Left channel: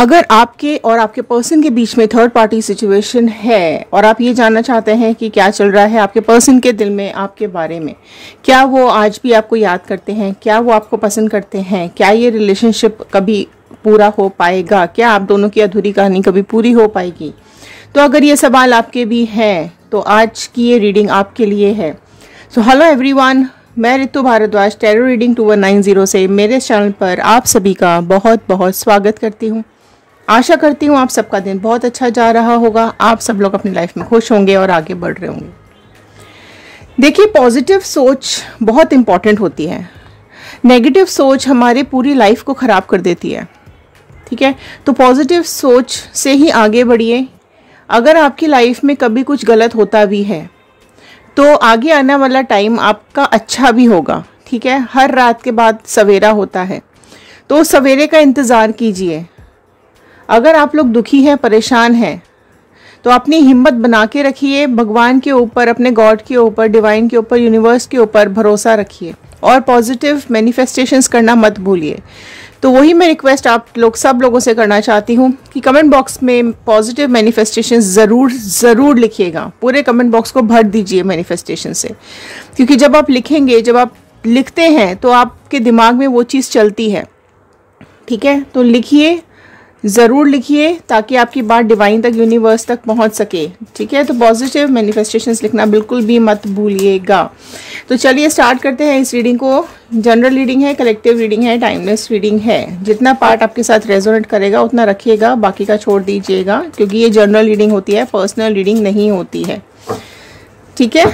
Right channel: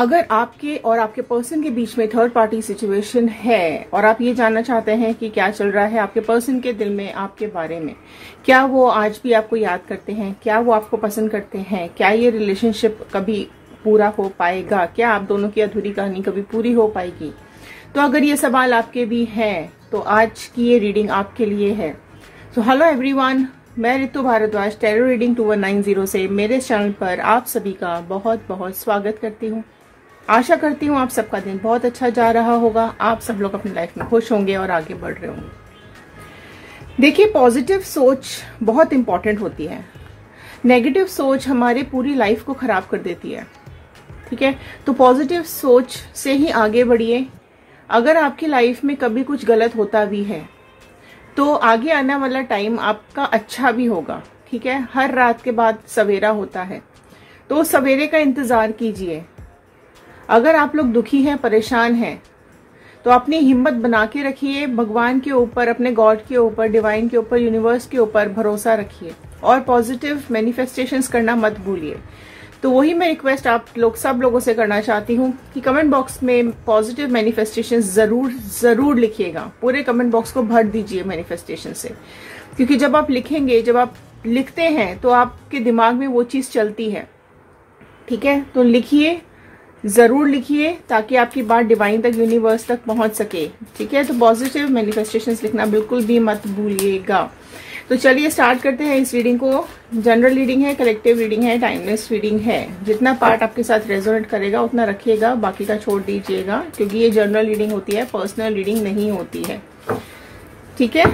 अगर आपके और आपके पर्सन के बीच में थर्ड पार्टी सिचुएशन है और आप ये जानना चाहते हैं कि क्या चल रहा है आपके पर्सन के दिल में आपके बारे में, क्या वो आज भी आपको याद करते हैं, क्या वो आपको पसंद करते हैं, क्या ये रिलेशनशिप कभी पूरा हो पाएगा, क्या आप दोनों की अधूरी कहानी कभी पूरी हो पाएगी, तो अगर ये सवाल आपके भी हैं तो आज की ये रीडिंग आपके लिए है। सो हेलो एवरीवन, मैं रितु भारद्वाज टैरो रीडिंग 2190 से मेरे चैनल पर आप सभी का बहुत बहुत स्वागत करती हूँ। आशा करती हूँ आप सबका दिन बहुत अच्छा जा रहा होगा, आप सब लोग अपनी लाइफ में खुश होंगे और आगे बढ़ रहे होंगे। देखिए, पॉजिटिव सोच बहुत इंपॉर्टेंट होती है। नेगेटिव सोच हमारी पूरी लाइफ को ख़राब कर देती है। ठीक है, तो पॉजिटिव सोच से ही आगे बढ़िए। अगर आपकी लाइफ में कभी कुछ गलत होता भी है तो आगे आने वाला टाइम आपका अच्छा भी होगा। ठीक है, हर रात के बाद सवेरा होता है, तो सवेरे का इंतज़ार कीजिए। अगर आप लोग दुखी हैं, परेशान हैं, तो अपनी हिम्मत बना के रखिए। भगवान के ऊपर, अपने गॉड के ऊपर, डिवाइन के ऊपर, यूनिवर्स के ऊपर भरोसा रखिए और पॉजिटिव मैनिफेस्टेशंस करना मत भूलिए। तो वही मैं रिक्वेस्ट आप लोग सब लोगों से करना चाहती हूँ कि कमेंट बॉक्स में पॉजिटिव मैनिफेस्टेशंस ज़रूर लिखिएगा। पूरे कमेंट बॉक्स को भर दीजिए मैनिफेस्टेशन से, क्योंकि जब आप लिखेंगे, जब आप लिखते हैं तो आपके दिमाग में वो चीज़ चलती है। ठीक है, तो लिखिए, ज़रूर लिखिए ताकि आपकी बात डिवाइन तक, यूनिवर्स तक पहुंच सके। ठीक है, तो पॉजिटिव मैनिफेस्टेशंस लिखना बिल्कुल भी मत भूलिएगा। तो चलिए स्टार्ट करते हैं इस रीडिंग को। जनरल रीडिंग है, कलेक्टिव रीडिंग है, टाइमलेस रीडिंग है। जितना पार्ट आपके साथ रेजोनेट करेगा उतना रखिएगा, बाकी का छोड़ दीजिएगा, क्योंकि ये जनरल रीडिंग होती है, पर्सनल रीडिंग नहीं होती है। ठीक है,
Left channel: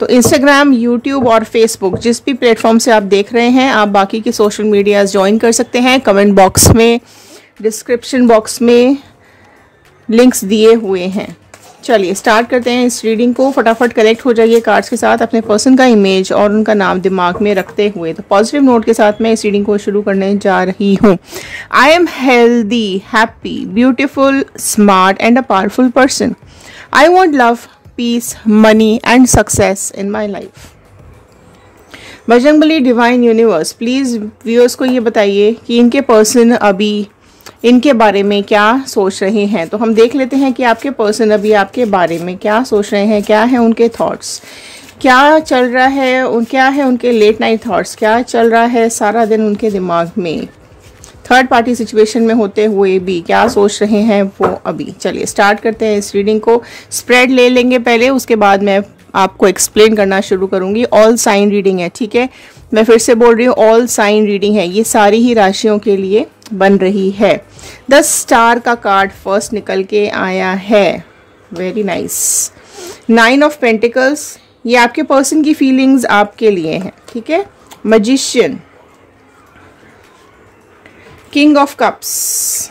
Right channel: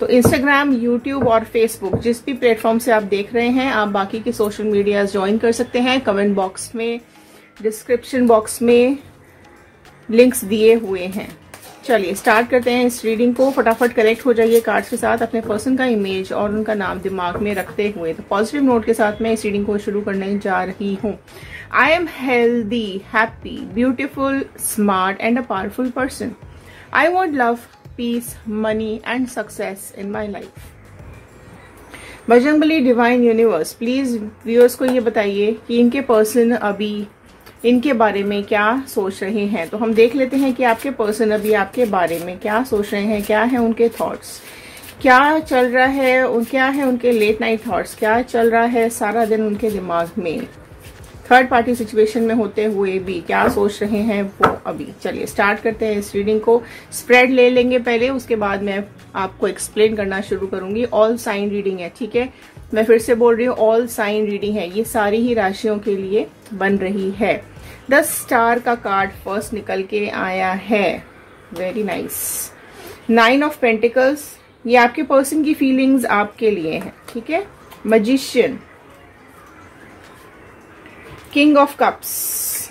तो इंस्टाग्राम, यूट्यूब और फेसबुक, जिस भी प्लेटफॉर्म से आप देख रहे हैं, आप बाकी के सोशल मीडियाज ज्वाइन कर सकते हैं। कमेंट बॉक्स में, डिस्क्रिप्शन बॉक्स में लिंक्स दिए हुए हैं। चलिए स्टार्ट करते हैं इस रीडिंग को। फटाफट कनेक्ट हो जाइए कार्ड्स के साथ, अपने पर्सन का इमेज और उनका नाम दिमाग में रखते हुए। तो पॉजिटिव नोट के साथ मैं इस रीडिंग को शुरू करने जा रही हूँ। I am healthy, happy, beautiful, smart and a powerful person. I want love, peace, money and success in my life. Bajrangbali, divine, universe, please viewers को ये बताइए कि इनके पर्सन अभी इनके बारे में क्या सोच रहे हैं। तो हम देख लेते हैं कि आपके पर्सन अभी आपके बारे में क्या सोच रहे हैं, क्या है उनके थॉट्स, क्या चल रहा है, क्या है उनके लेट नाइट थॉट्स, क्या चल रहा है सारा दिन उनके दिमाग में। थर्ड पार्टी सिचुएशन में होते हुए भी क्या सोच रहे हैं वो अभी। चलिए स्टार्ट करते हैं इस रीडिंग को। स्प्रेड ले लेंगे पहले, उसके बाद मैं आपको एक्सप्लेन करना शुरू करूंगी। ऑल साइन रीडिंग है। ठीक है, मैं फिर से बोल रही हूँ, ऑल साइन रीडिंग है, ये सारी ही राशियों के लिए बन रही है। 10 स्टार का कार्ड फर्स्ट निकल के आया है। Very nice. 9 ऑफ पेंटिकल्स, ये आपके पर्सन की फीलिंग्स आपके लिए हैं। ठीक है, magician, king of cups,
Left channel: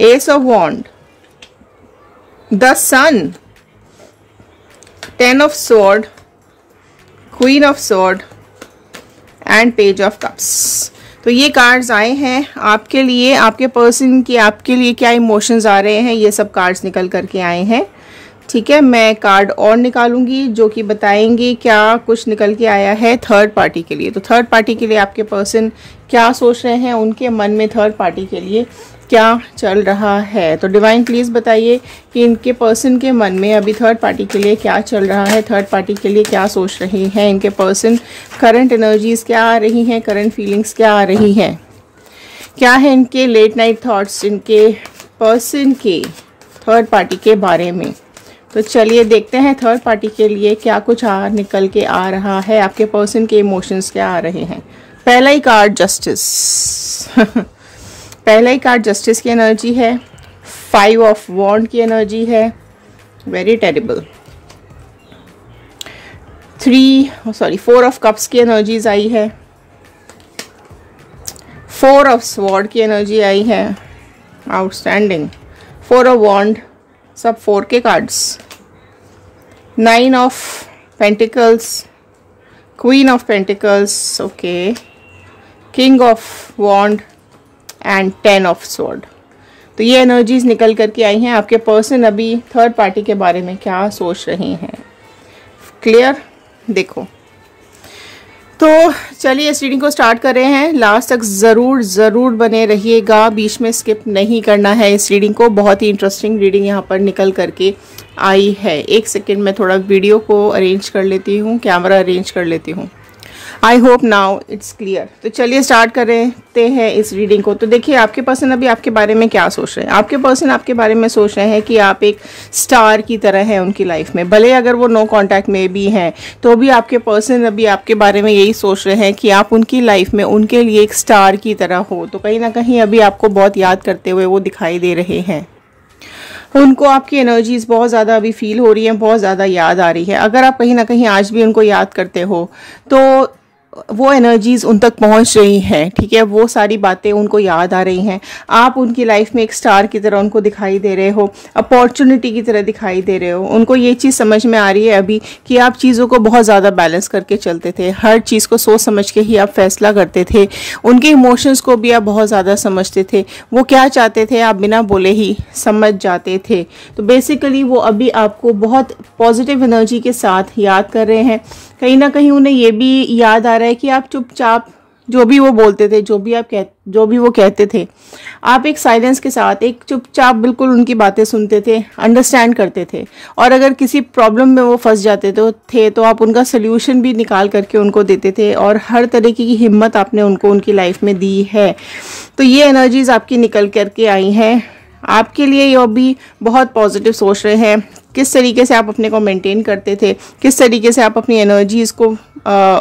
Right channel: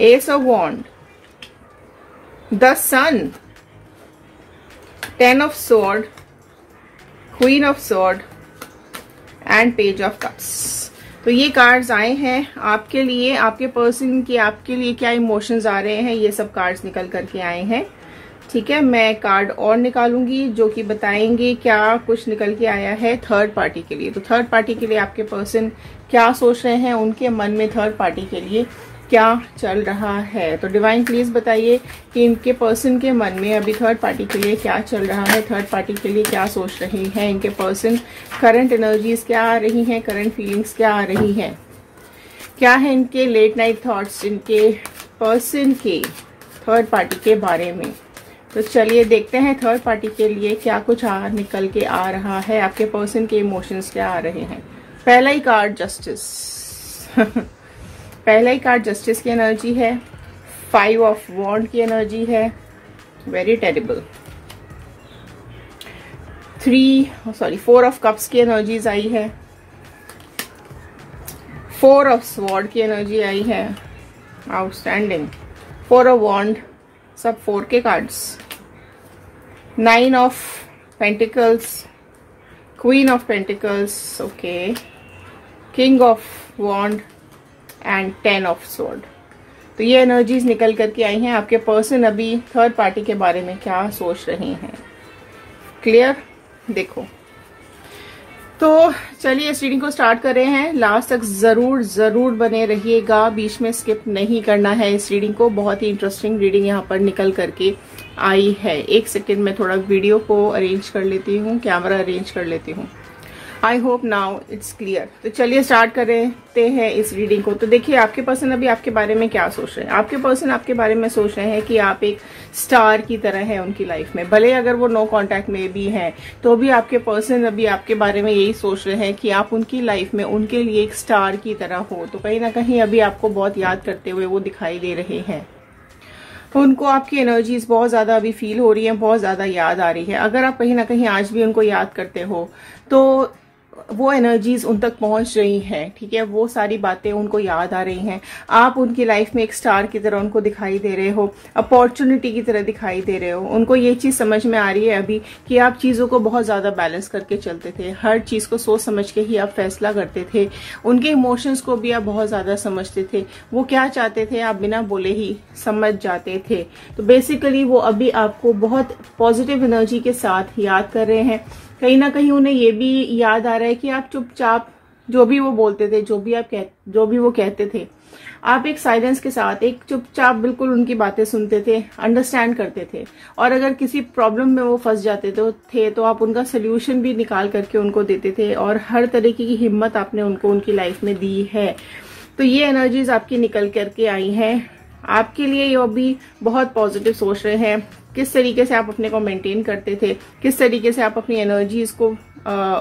ace of wand, the sun, 10 of sword, queen of sword and page of cups. तो ये कार्ड्स आए हैं आपके लिए, आपके पर्सन की आपके लिए क्या इमोशंस आ रहे हैं, ये सब कार्ड्स निकल करके आए हैं। ठीक है, मैं कार्ड और निकालूंगी जो कि बताएंगे क्या कुछ निकल के आया है थर्ड पार्टी के लिए। तो थर्ड पार्टी के लिए आपके पर्सन क्या सोच रहे हैं, उनके मन में थर्ड पार्टी के लिए क्या चल रहा है। तो डिवाइन प्लीज़ बताइए कि इनके पर्सन के मन में अभी थर्ड पार्टी के लिए क्या चल रहा है, थर्ड पार्टी के लिए क्या सोच रहे हैं इनके पर्सन, करंट एनर्जीज क्या आ रही हैं, करंट फीलिंग्स क्या आ रही हैं, क्या है इनके लेट नाइट थॉट्स इनके पर्सन के थर्ड पार्टी के बारे में। तो चलिए देखते हैं थर्ड पार्टी के लिए क्या कुछ निकल के आ रहा है, आपके पर्सन के इमोशंस क्या आ रहे हैं। पहला ही कार्ड जस्टिस पहला ही कार्ड जस्टिस की एनर्जी है। 5 ऑफ वॉन्ड की एनर्जी है, वेरी टेरिबल। 4 ऑफ कप्स की एनर्जीज आई है। 4 ऑफ स्वॉर्ड की एनर्जी आई है, आउटस्टैंडिंग। 4 ऑफ वॉन्ड, सब 4 के cards. 9 of pentacles, queen of pentacles, okay, king of wand and 10 of sword. तो ये एनर्जीज निकल करके आई हैं। आपके पर्सन अभी थर्ड पार्टी के बारे में क्या सोच रहे हैं, क्लियर। देखो, तो चलिए इस रीडिंग को स्टार्ट कर रहे हैं। लास्ट तक ज़रूर बने रहिएगा, बीच में स्किप नहीं करना है इस रीडिंग को। बहुत ही इंटरेस्टिंग रीडिंग यहाँ पर निकल करके आई है। एक सेकेंड में थोड़ा वीडियो को अरेंज कर लेती हूँ, कैमरा अरेंज कर लेती हूँ। I hope now it's clear. तो चलिए स्टार्ट करते हैं इस रीडिंग को। तो देखिए आपके पर्सन अभी आपके बारे में क्या सोच रहे हैं। आपके पर्सन आपके बारे में सोच रहे हैं कि आप एक स्टार की तरह हैं उनकी लाइफ में। भले अगर वो नो कांटेक्ट में भी हैं तो भी आपके पर्सन अभी आपके बारे में यही सोच रहे हैं कि आप उनकी लाइफ में उनके लिए एक स्टार की तरह हो। तो कहीं ना कहीं अभी आपको बहुत याद करते हुए वो दिखाई दे रहे हैं। उनको आपकी एनर्जीज बहुत ज़्यादा अभी फील हो रही हैं, बहुत ज़्यादा याद आ रही है। अगर आप कहीं ना कहीं आज भी उनको याद करते हो तो वो एनर्जीज उन तक पहुंच रही हैं, ठीक है। वो सारी बातें उनको याद आ रही हैं। आप उनकी लाइफ में एक स्टार की तरह उनको दिखाई दे रहे हो, अपॉर्चुनिटी की तरह दिखाई दे रहे हो। उनको ये चीज़ समझ में आ रही है अभी कि आप चीज़ों को बहुत ज़्यादा बैलेंस करके चलते थे, हर चीज़ को सोच समझ के ही आप फैसला करते थे। उनके इमोशंस को भी आप बहुत ज़्यादा समझते थे। वो क्या चाहते थे आप बिना बोले ही समझ जाते थे। तो बेसिकली वो अभी आपको बहुत पॉजिटिव एनर्जी के साथ याद कर रहे हैं। कहीं ना कहीं उन्हें ये भी याद आ रहा है कि आप चुपचाप जो भी वो बोलते थे, जो भी वो कहते थे, आप एक साइलेंस के साथ एक चुपचाप बिल्कुल उनकी बातें सुनते थे, अंडरस्टैंड करते थे। और अगर किसी प्रॉब्लम में वो फंस जाते तो आप उनका सोल्यूशन भी निकाल करके उनको देते थे। और हर तरीके की हिम्मत आपने उनको उनकी लाइफ में दी है। तो ये एनर्जीज आपकी निकल करके आई हैं। आपके लिए ये भी बहुत पॉजिटिव सोच रहे हैं। किस तरीके से आप अपने को मेंटेन करते थे, किस तरीके से आप अपनी एनर्जीज को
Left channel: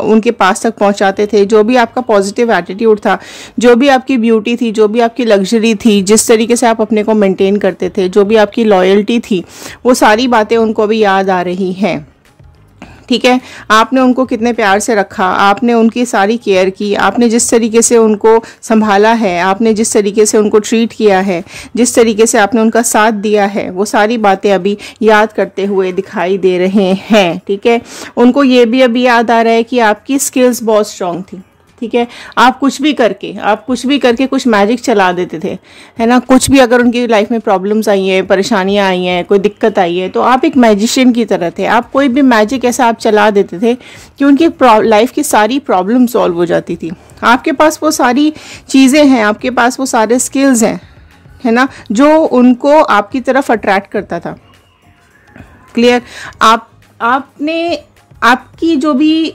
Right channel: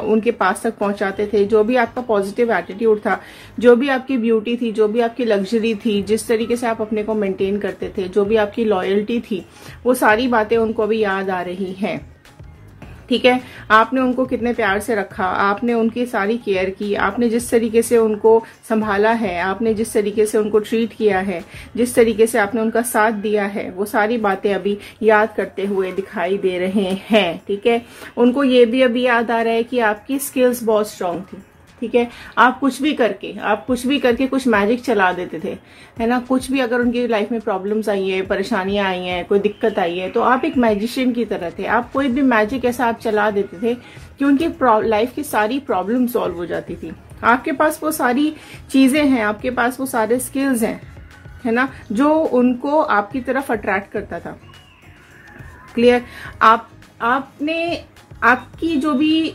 उनके पास तक पहुंचाते थे। जो भी आपका पॉजिटिव एटीट्यूड था, जो भी आपकी ब्यूटी थी, जो भी आपकी लग्जरी थी, जिस तरीके से आप अपने को मेंटेन करते थे, जो भी आपकी लॉयल्टी थी, वो सारी बातें उनको भी याद आ रही हैं, ठीक है। आपने उनको कितने प्यार से रखा, आपने उनकी सारी केयर की, आपने जिस तरीके से उनको संभाला है, आपने जिस तरीके से उनको ट्रीट किया है, जिस तरीके से आपने उनका साथ दिया है, वो सारी बातें अभी याद करते हुए दिखाई दे रहे हैं, ठीक है। उनको ये भी अभी याद आ रहा है कि आपकी स्किल्स बहुत स्ट्रांग थी, ठीक है। आप कुछ भी करके कुछ मैजिक चला देते थे, है ना। कुछ भी अगर उनकी लाइफ में प्रॉब्लम्स आई हैं, परेशानियां आई हैं, कोई दिक्कत आई है, तो आप एक मैजिशियन की तरह थे। आप कोई भी मैजिक ऐसा आप चला देते थे कि उनकी लाइफ की सारी प्रॉब्लम सॉल्व हो जाती थी। आपके पास वो सारी चीज़ें हैं, आपके पास वो सारे स्किल्स हैं, है ना, जो उनको आपकी तरफ अट्रैक्ट करता था। क्लियर। आपने आपकी जो भी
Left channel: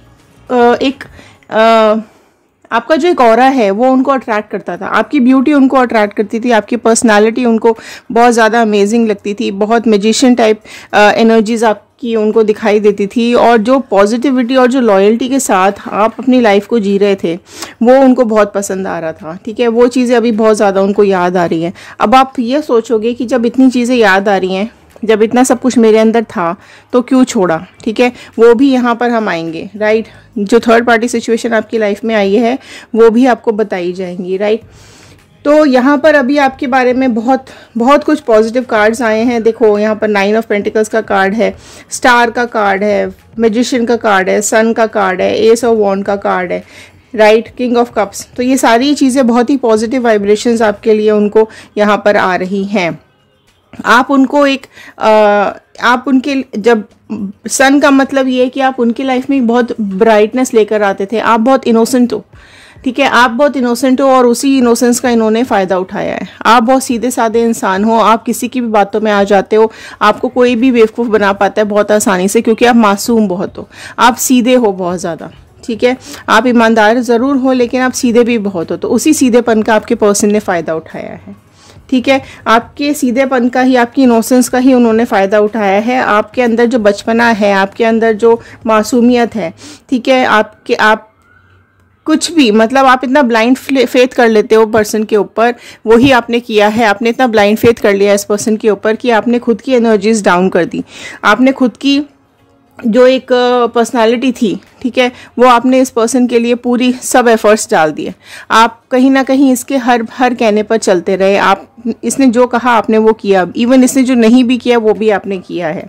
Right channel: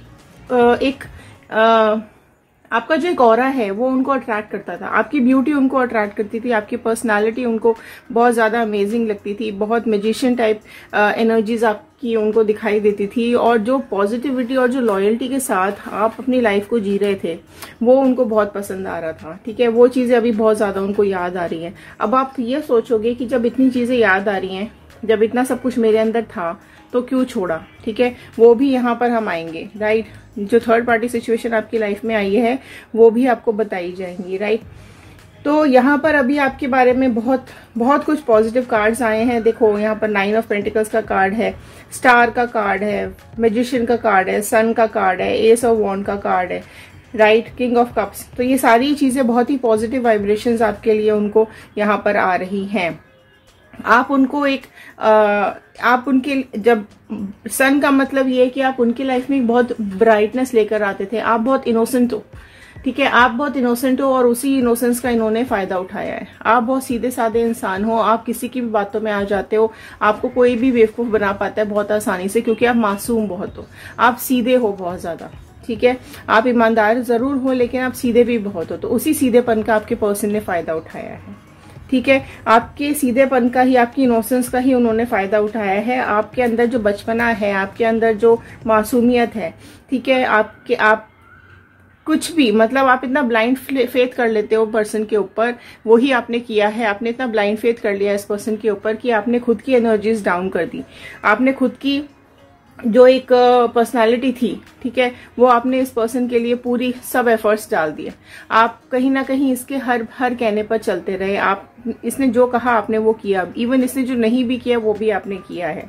आपका जो एक ऑरा है वो उनको अट्रैक्ट करता था। आपकी ब्यूटी उनको अट्रैक्ट करती थी, आपकी पर्सनालिटी उनको बहुत ज़्यादा अमेजिंग लगती थी। बहुत मैजिशियन टाइप एनर्जीज आपकी उनको दिखाई देती थी। और जो पॉजिटिविटी और जो लॉयल्टी के साथ आप अपनी लाइफ को जी रहे थे वो उनको बहुत पसंद आ रहा था, ठीक है। वो चीज़ें अभी बहुत ज़्यादा उनको याद आ रही हैं। अब आप ये सोचोगे कि जब इतनी चीज़ें याद आ रही हैं, जब इतना सब कुछ मेरे अंदर था तो क्यों छोड़ा, ठीक है। वो भी यहाँ पर हम आएंगे, राइट। जो थर्ड पार्टी सिचुएशन आपकी लाइफ में आई है वो भी आपको बताई जाएंगी, राइट। तो यहाँ पर अभी आपके बारे में बहुत कुछ पॉजिटिव कार्ड्स आए हैं। देखो यहाँ पर 9 ऑफ पेंटिकल्स का कार्ड है, स्टार का कार्ड है, मैजिशियन का कार्ड है, सन का कार्ड है, एस ऑफ वॉन्ड का कार्ड है, राइट, किंग ऑफ कप्स। तो ये सारी चीज़ें बहुत ही पॉजिटिव वाइब्रेशंस आपके लिए उनको यहाँ पर आ रही हैं। आप उनको आप उनके, जब सन का मतलब ये है कि आप उनकी लाइफ में बहुत ब्राइटनेस लेकर आते थे। आप बहुत इनोसेंट हो, ठीक है। आप बहुत इनोसेंट हो और उसी इनोसेंस का इन्होंने फ़ायदा उठाया है। आप बहुत सीधे साधे इंसान हो, आप किसी की भी बातों में आ जाते हो। आपको कोई भी बेवकूफ़ बना पाता है बहुत आसानी से, क्योंकि आप मासूम बहुत हो, आप सीधे हो बहुत ज़्यादा, ठीक है। आप ईमानदार ज़रूर हो लेकिन आप सीधे भी बहुत हो। तो उसी सीधेपन का आपके पर्सन ने फ़ायदा उठाया है, ठीक है। आपके सीधेपन का ही, आपकी इनोसेंस का ही उन्होंने फ़ायदा उठाया है। आपके अंदर जो बचपना है, आपके अंदर जो मासूमियत है, ठीक है, आप कुछ भी, मतलब आप इतना ब्लाइंड फेथ कर लेते हो पर्सन के ऊपर, वही आपने किया है। आपने इतना ब्लाइंड फेथ कर लिया इस पर्सन के ऊपर कि आपने खुद की एनर्जीज डाउन कर दी। आपने खुद की जो एक पर्सनालिटी थी, ठीक है, वो आपने इस पर्सन के लिए पूरी सब एफर्ट्स डाल दिए। आप कहीं ना कहीं इसके हर कहने पर चलते रहे। आप, इसने जो कहा आपने वो किया, इवन इसने जो नहीं भी किया वो भी आपने किया है,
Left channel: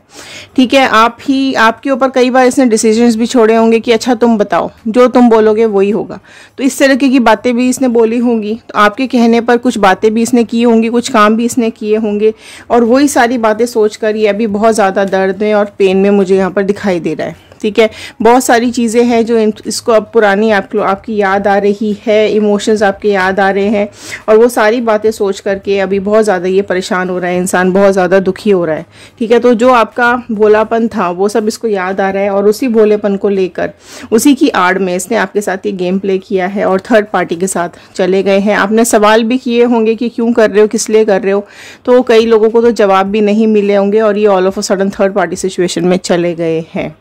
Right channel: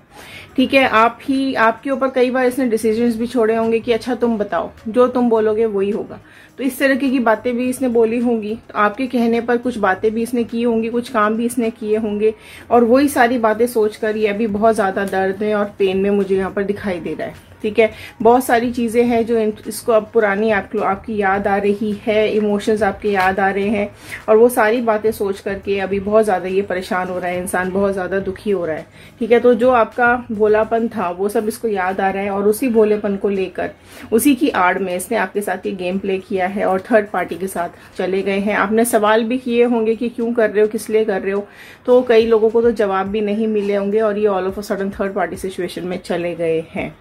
ठीक है। आपके ऊपर कई बार इसने डिसीजंस भी छोड़े होंगे कि अच्छा तुम बताओ, जो तुम बोलोगे वही होगा। तो इस तरह की बातें भी इसने बोली होंगी। तो आपके कहने पर कुछ बातें भी इसने की होंगी, कुछ काम भी इसने किए होंगे। और वही सारी बातें सोच कर ये अभी बहुत ज़्यादा दर्द में और पेन में मुझे यहाँ पर दिखाई दे रहा है, ठीक है, बहुत सारी चीज़ें हैं जो इसको अब पुरानी आपकी याद आ रही है, इमोशंस आपके याद आ रहे हैं, और वो सारी बातें सोच करके अभी बहुत ज़्यादा ये परेशान हो रहा है, इंसान बहुत ज़्यादा दुखी हो रहा है। ठीक है, तो जो आपका भोलापन था वो सब इसको याद आ रहा है, और उसी भोलेपन को लेकर उसी की आड़ में इसने आपके साथ ये गेम प्ले किया है और थर्ड पार्टी के साथ चले गए हैं। आपने सवाल भी किए होंगे कि क्यों कर रहे हो, किस लिए कर रहे हो, तो कई लोगों को तो जवाब भी नहीं मिले होंगे, और ये all of a sudden third party situation में चले गए हैं।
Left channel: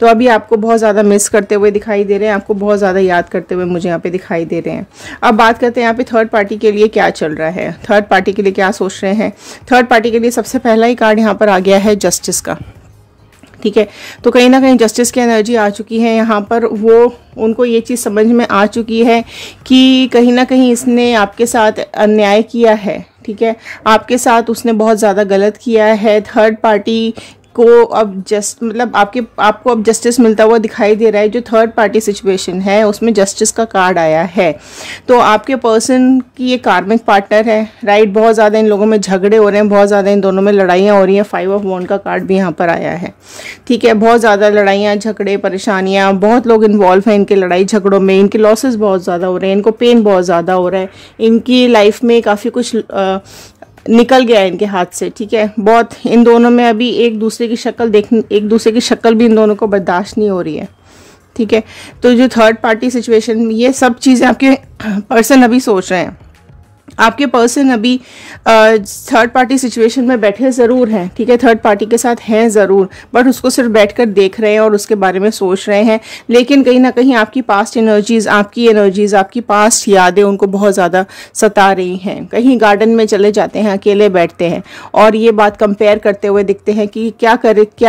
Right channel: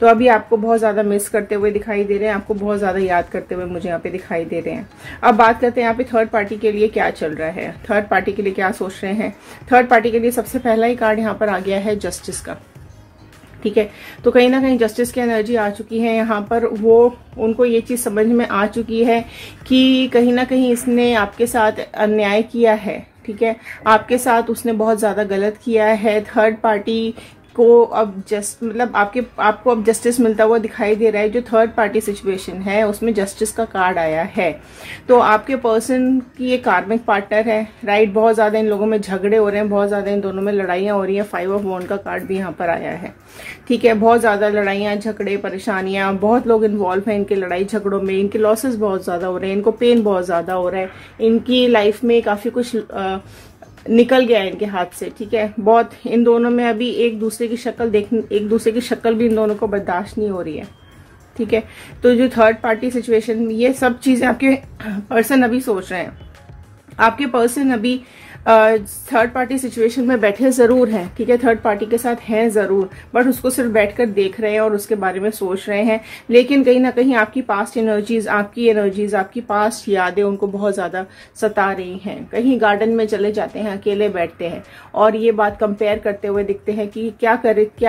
तो अभी आपको बहुत ज़्यादा मिस करते हुए दिखाई दे रहे हैं, आपको बहुत ज़्यादा याद करते हुए मुझे यहाँ पे दिखाई दे रहे हैं। अब बात करते हैं यहाँ पे थर्ड पार्टी के लिए क्या चल रहा है, थर्ड पार्टी के लिए क्या सोच रहे हैं। थर्ड पार्टी के लिए सबसे पहला ही कार्ड यहाँ पर आ गया है जस्टिस का। ठीक है, तो कहीं ना कहीं जस्टिस की एनर्जी आ चुकी है यहाँ पर। वो उनको ये चीज़ समझ में आ चुकी है कि कहीं ना कहीं इसने आपके साथ अन्याय किया है। ठीक है, आपके साथ उसने बहुत ज़्यादा गलत किया है। थर्ड पार्टी को अब आपको अब जस्टिस मिलता हुआ दिखाई दे रहा है। जो थर्ड पार्टी सिचुएशन है उसमें जस्टिस का कार्ड आया है, तो आपके पर्सन की ये कार्मिक पार्टनर है, राइट। बहुत ज़्यादा इन लोगों में झगड़े हो रहे हैं, बहुत ज़्यादा इन दोनों में लड़ाइयाँ हो रही हैं। 5 ऑफ वॉन्ड का कार्ड भी यहाँ पर आया है। ठीक है, बहुत ज़्यादा लड़ाइयाँ, झगड़े, परेशानियाँ, बहुत लोग इन्वॉल्व हैं इनके लड़ाई झगड़ों में। इनके लॉसेस बहुत ज़्यादा हो रहे हैं, इनको पेन बहुत ज़्यादा हो रहा है, इनकी लाइफ में काफ़ी कुछ निकल गया है इनके हाथ से। ठीक है, बहुत इन दोनों में अभी एक दूसरे की शक्ल भी इन दोनों को बर्दाश्त नहीं हो रही है। ठीक है, तो जो थर्ड पार्टी सिचुएशन, ये सब चीज़ें आपके पर्सन अभी सोच रहे हैं। आपके पर्सन अभी थर्ड पार्टी सिचुएशन में बैठे ज़रूर हैं। ठीक है, थर्ड पार्टी के साथ हैं ज़रूर, बट उसको सिर्फ बैठकर देख रहे हैं और उसके बारे में सोच रहे हैं। लेकिन कहीं ना कहीं आपकी पास्ट एनर्जीज, आपकी पास्ट यादें उनको बहुत ज़्यादा सता रही हैं। कहीं गार्डन में चले जाते हैं, अकेले बैठते हैं और ये बात कंपेयर करते हुए दिखते हैं कि क्या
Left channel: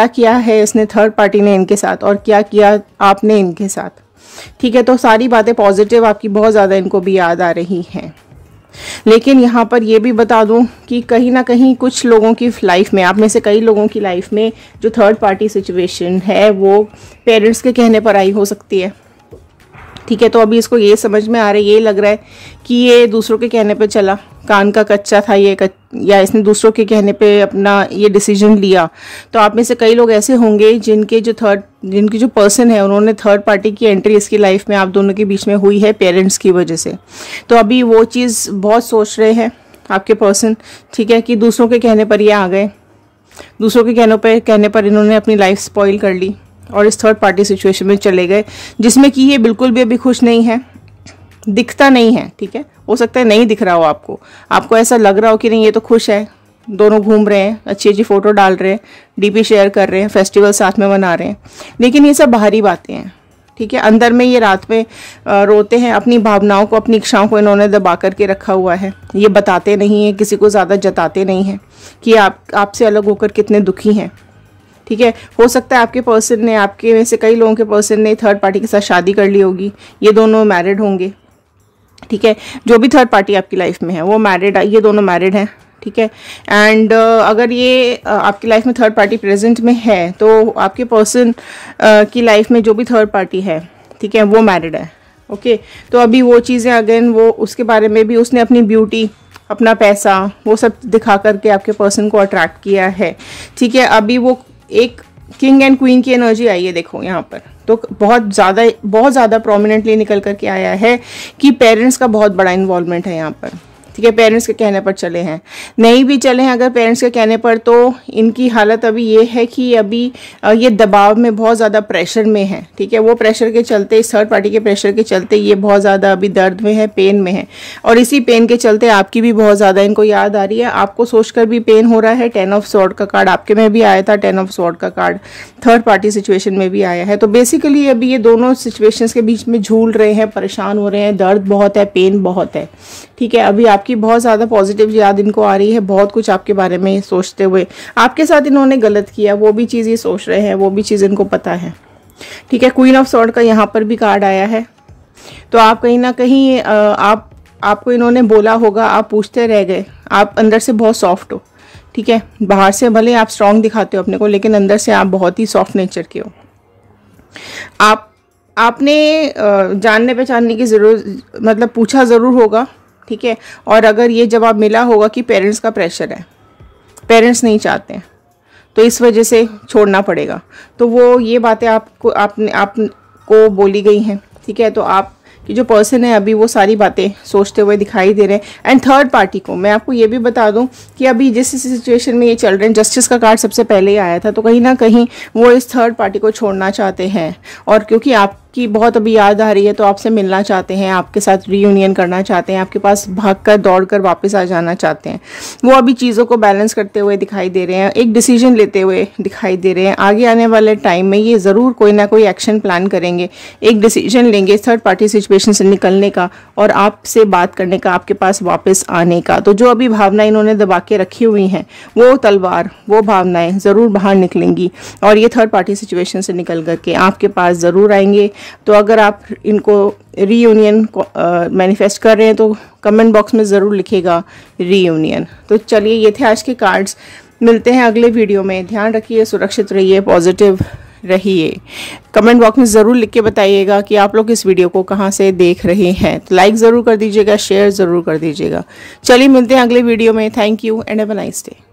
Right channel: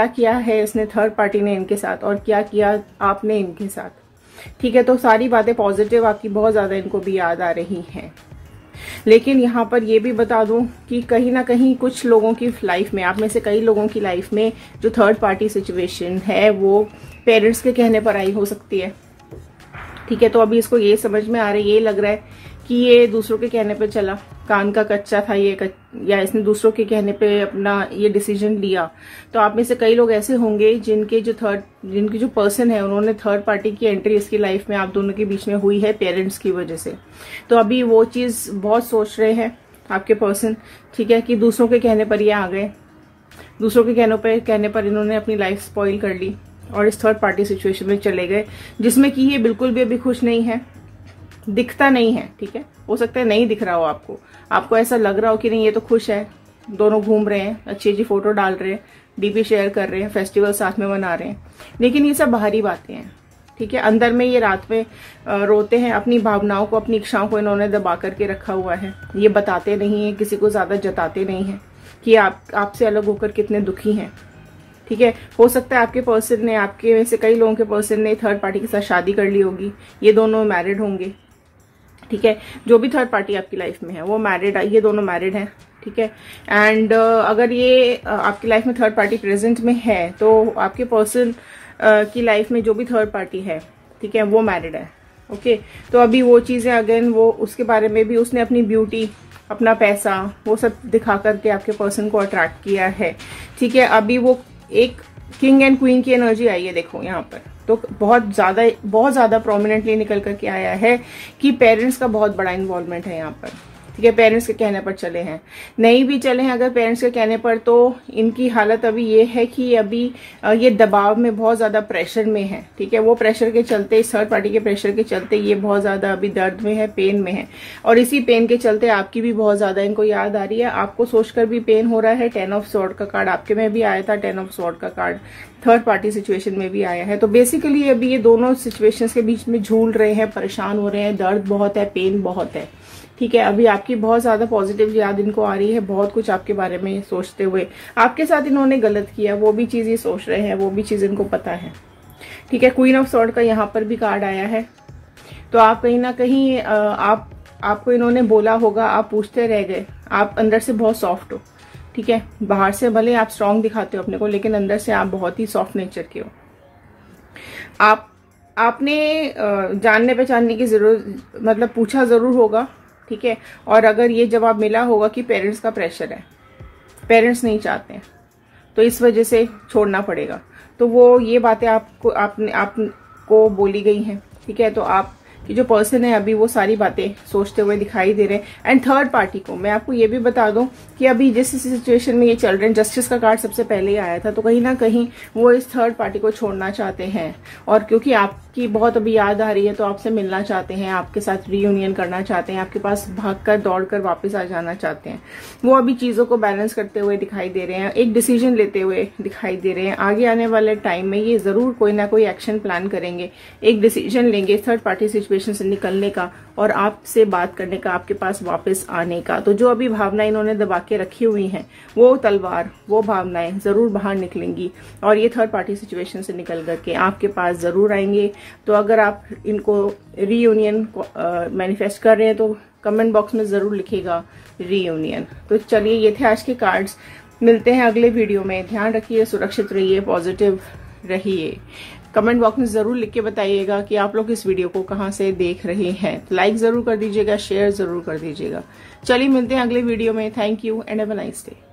किया है इसने, थर्ड पार्टी ने इनके साथ, और क्या किया आपने इनके साथ। ठीक है, तो सारी बातें पॉजिटिव आपकी बहुत ज़्यादा इनको भी याद आ रही हैं। लेकिन यहाँ पर ये भी बता दूं कि कहीं ना कहीं कुछ लोगों की लाइफ में, आप में से कई लोगों की लाइफ में जो थर्ड पार्टी सिचुएशन है वो पेरेंट्स के कहने पर आई हो सकती है। ठीक है, तो अभी इसको ये समझ में आ रहा है, ये लग रहा है कि ये दूसरों के कहने पे चला, कान का कच्चा था या इसने दूसरों के कहने पे अपना ये डिसीजन लिया। तो आप में से कई लोग ऐसे होंगे जिनकी जो पर्सन है उन्होंने थर्ड पार्टी की एंट्री इसकी लाइफ में आप दोनों के बीच में हुई है पेरेंट्स की वजह से। तो अभी वो चीज़ बहुत सोच रहे हैं आपके पर्सन। ठीक है, कि दूसरों के कहने पर ये आ गए, दूसरों के कहने पर इन्होंने अपनी लाइफ स्पॉइल कर ली और इस थर्ड पार्टी सिचुएशन में चले गए, जिसमें कि ये बिल्कुल भी अभी खुश नहीं है, दिखता नहीं है। ठीक है, हो सकता है नहीं दिख रहा हो आपको ऐसा लग रहा हो कि नहीं ये तो खुश है, दोनों घूम रहे हैं, अच्छी अच्छी फोटो डाल रहे हैं, डीपी शेयर कर रहे हैं, फेस्टिवल साथ में मना रहे हैं, लेकिन ये सब बाहरी बातें हैं। ठीक है, अंदर में ये रात में रोते हैं, अपनी भावनाओं को, अपनी इच्छाओं को इन्होंने दबा करके रखा हुआ है। ये बताते नहीं है, किसी को ज़्यादा जताते नहीं हैं कि आपसे अलग होकर कितने दुखी हैं। ठीक है, हो सकता है आपके पर्सन ने, आपके में से कई लोगों के पर्सन ने थर्ड पार्टी के साथ शादी कर ली होगी, ये दोनों मैरिड होंगे। ठीक है, जो भी थर्ड पार्टी आपकी लाइफ में है वो मैरिड, ये दोनों मैरिड हैं। ठीक है, एंड अगर ये आपकी लाइफ में थर्ड पार्टी प्रेजेंट में है तो आपके पर्सन की लाइफ में जो भी थर्ड पार्टी है, ठीक है, वो मैरिड है। ओके, तो अभी वो चीज़ें अगेन, वो उसके बारे में भी उसने अपनी ब्यूटी, अपना पैसा, वो सब दिखा करके आपके पर्सन को अट्रैक्ट किया है। ठीक है, अभी वो एक किंग एंड क्वीन की एनर्जी आई है, देखो यहाँ पर तो बहुत ज़्यादा प्रोमिनेंटली निकल करके आया है कि पेरेंट्स का बहुत बड़ा इन्वॉल्वमेंट है यहाँ पर। ठीक है, पेरेंट्स के कहने पर चले हैं, नहीं भी चले हैं अगर पेरेंट्स के कहने पर, तो इनकी हालत अभी ये है कि अभी ये दबाव में, बहुत ज़्यादा प्रेशर में है। ठीक है, वो प्रेशर के चलते, इस थर्ड पार्टी के प्रेशर के चलते ये बहुत ज़्यादा अभी दर्द में है, पेन में है, और इसी पेन के चलते आपकी भी बहुत ज़्यादा इनको याद आ रही है, आपको सोचकर भी पेन हो रहा है। 10 ऑफ स्वॉर्ड का कार्ड आपके में भी आया था, 10 ऑफ स्वॉर्ड का कार्ड थर्ड पार्टी सिचुएशन में भी आया है। तो बेसिकली अभी ये दोनों सिचुएशंस के बीच में झूल रहे हैं, परेशान हो रहे हैं, दर्द बहुत है, पेन बहुत है। ठीक है, अभी आपकी बहुत ज़्यादा पॉजिटिव याद इनको आ रही है, बहुत कुछ आपके बारे में सोचते हुए, आपके साथ इन्होंने गलत किया वो भी चीज़ ये सोच रहे हैं, वो भी चीज़ इनको पता है। ठीक है, क्वीन ऑफ स्वॉर्ड का यहाँ पर भी कार्ड आया है, तो आप कहीं ना कहीं आपको इन्होंने बोला होगा, आप पूछते रह गए, आप अंदर से बहुत सॉफ्ट हो। ठीक है, बाहर से भले आप स्ट्रांग दिखाते हो अपने को, लेकिन अंदर से आप बहुत ही सॉफ्ट नेचर के हो। आपने जानने पहचानने की जरूरत, मतलब पूछा ज़रूर होगा। ठीक है, और अगर ये जवाब मिला होगा कि पेरेंट्स का प्रेशर है, पेरेंट्स नहीं चाहते हैं, तो इस वजह से छोड़ना पड़ेगा। तो वो ये बातें आपको बोली गई हैं, ठीक है। तो आप कि जो पर्सन है अभी वो सारी बातें सोचते हुए दिखाई दे रहे हैं। एंड थर्ड पार्टी को मैं आपको ये भी बता दूं कि अभी जिस सिचुएशन में ये चल रहे हैं, जस्टिस का कार्ड सबसे पहले ही आया था, तो कहीं ना कहीं वो इस थर्ड पार्टी को छोड़ना चाहते हैं। और क्योंकि आपकी बहुत अभी याद आ रही है तो आपसे मिलना चाहते हैं, आपके साथ रीयूनियन करना चाहते हैं, आपके पास भागकर दौड़कर वापस आ जाना चाहते हैं। वो अभी चीज़ों को बैलेंस करते हुए दिखाई दे रहे हैं, एक डिसीजन लेते हुए दिखाई दे रहे हैं। आगे आने वाले टाइम में ये ज़रूर कोई ना कोई एक्शन प्लान करेंगे, एक डिसीजन लेंगे थर्ड पार्टी सिचुएशन से निकलने का और आपसे बात करने का, आपके पास वापस आने का। तो जो अभी भावनाएं इन्होंने दबा के रखी हुई हैं, वो तलवार, वो भावनाएं ज़रूर बाहर निकलेंगी और ये थर्ड पार्टी सिचुएशन से निकल करके आपके पास ज़रूर आएंगे। तो अगर आप इनको रीयूनियन मैनिफेस्ट कर रहे हैं तो कमेंट बॉक्स में ज़रूर लिखिएगा रीयूनियन। तो चलिए, ये थे आज के कार्ड्स। मिलते हैं अगले वीडियो में। ध्यान रखिए, सुरक्षित रहिए, पॉजिटिव रहिए। कमेंट बॉक्स में ज़रूर लिख के बताइएगा कि आप लोग इस वीडियो को कहाँ से देख रहे हैं। तो लाइक ज़रूर कर दीजिएगा, शेयर ज़रूर कर दीजिएगा। चलिए, मिलते हैं अगले वीडियो में। Thank you and have a nice day.